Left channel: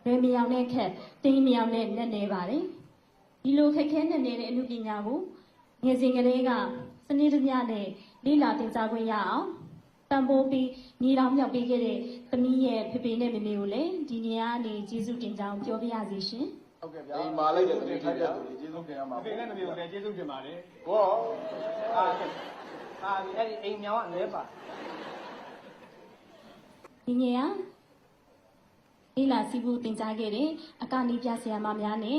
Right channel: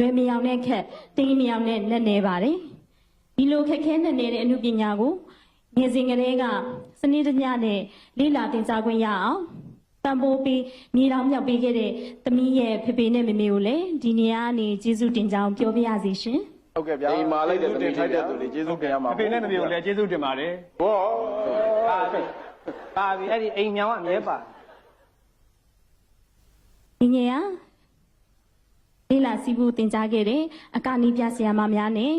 လွယ်မြောင်တဲ့ခက်တင်းမြောင်တဲ့လက်နေပါတယ်ဒီလိုခက်ခဲနဲ့နေတဲ့အမှုပညာကိုငယ်စဉ်ကလေးကစနစ်တကျနဲ့လေ့လာသင်ကြားခွင့်ရအောင်တံပိုးပြီးမြေတော်မြောက်ပေးခဲ့တဲ့သမီးရဲ့ဖေဖေနဲ့မေမေကိုလည်းဒီနေရာကနေကျေးဇူးတင်ကြောင်းပြောပြရစီရှင်ဟုတ်ကဲ့ဗျာဒီမှာလည်းတင်ထိုက်တဲ့သူတွေကျေးဇူးတင်ရမှာဖေဖေနဲ့မေမေကိုလည်းကျေးဇူးတင်ပါတယ်ဟောပါပြီအဲ့ဒီအိမ်ညောင်ကအမြဲပါဒီငယ်ကလေ့လာစီးဖို့တင်ကြားခဲ့တဲ့အကနီးပြဆရာမများနဲ့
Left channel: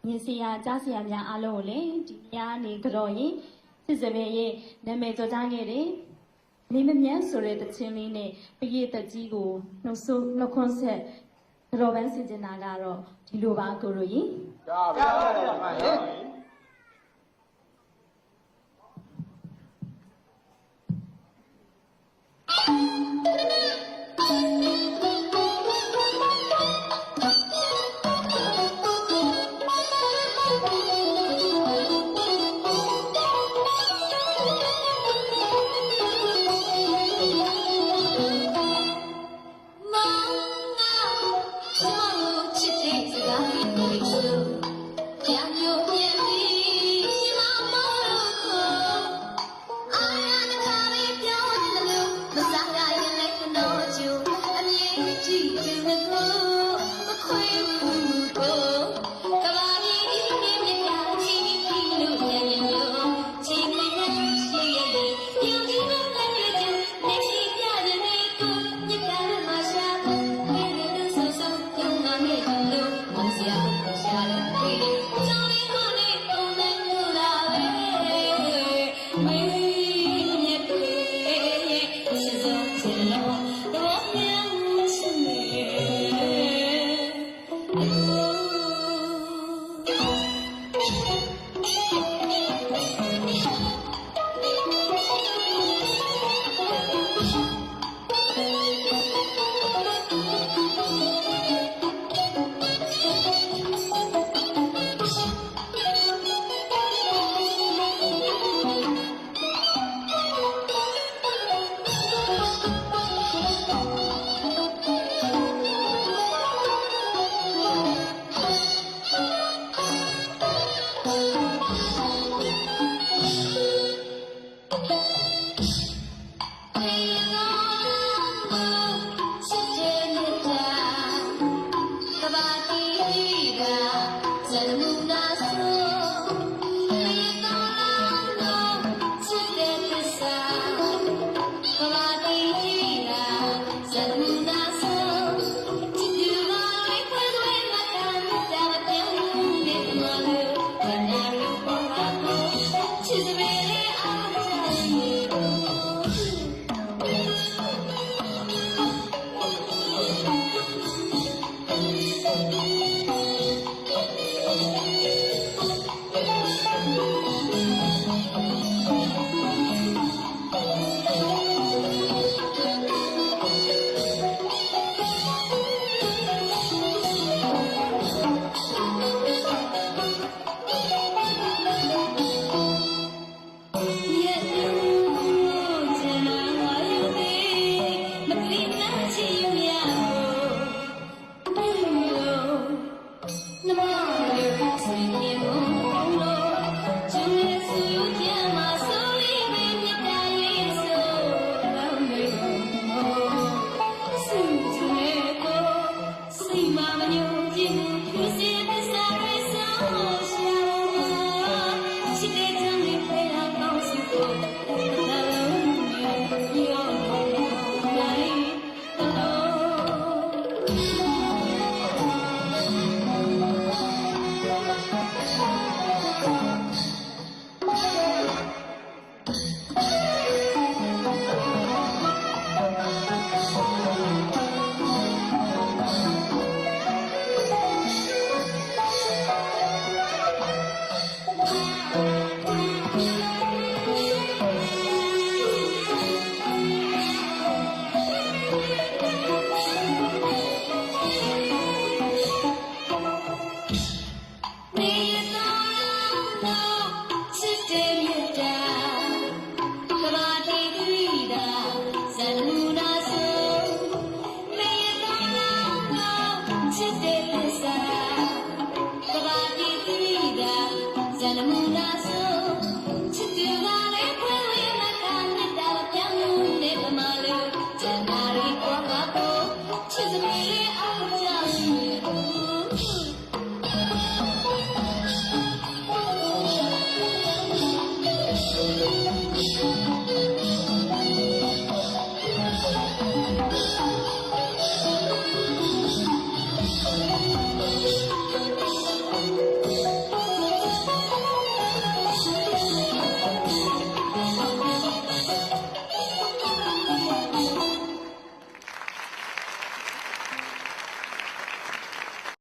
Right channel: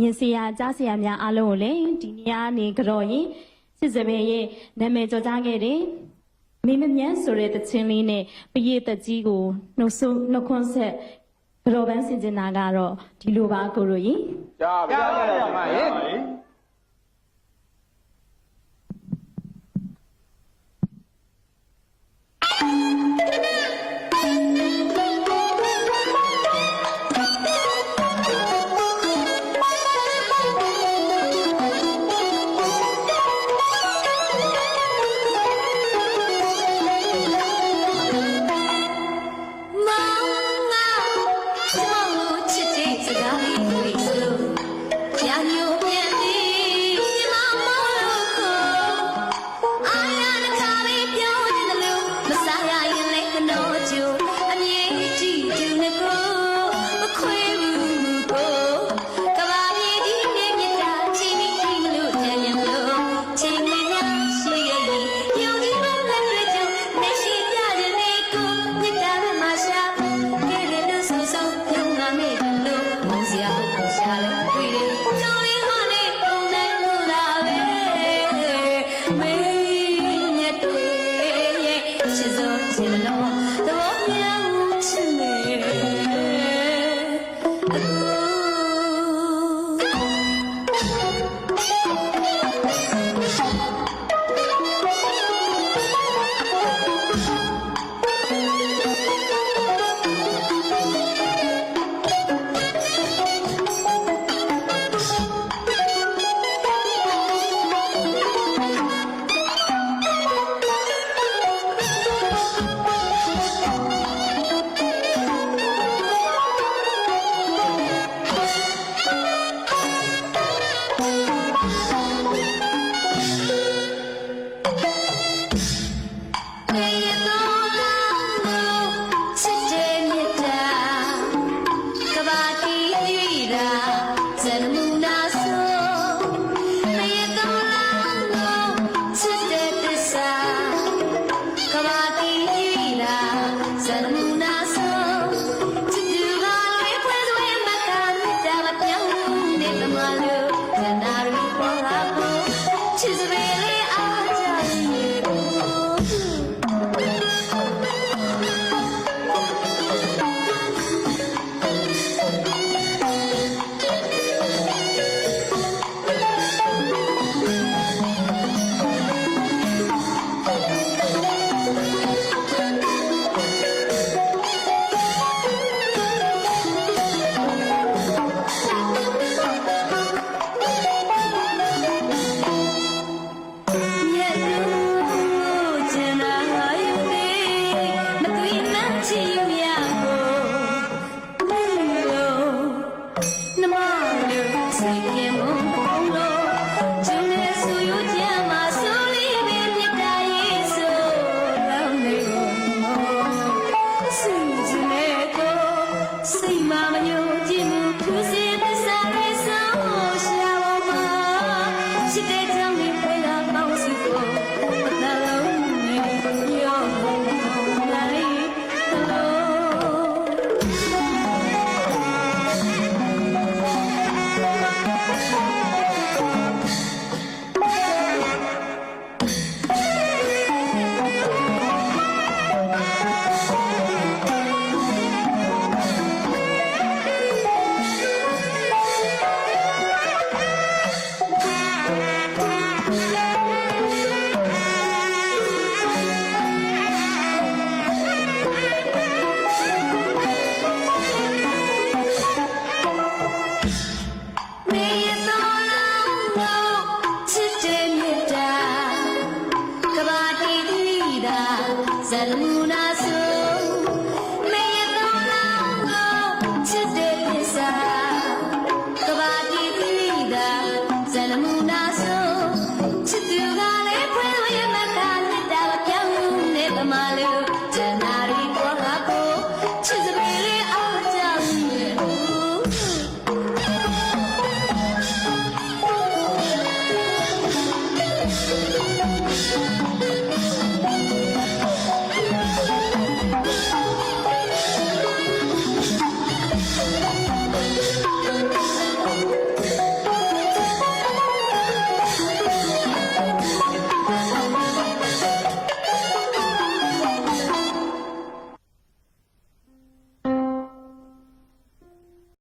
ညင်ဆရာကြားဆရာများအားလုံးကိုလည်းဒီနေရာနေကြော်ရင်စစ်စပယ်ရဲ့နာမည်ကျော်ကြားခဲ့တဲ့မိမမြန်းဆိုတဲ့တခြင်းလေးနဲ့ပရိသတ်ကြီးကိုနှုတ်ခွန်းဆက်ကြော်ပန်းဆင်ကျင်တာကတော့ဒီလိုပါကိုလိုရင်ကြားပါပါရဲ့Say my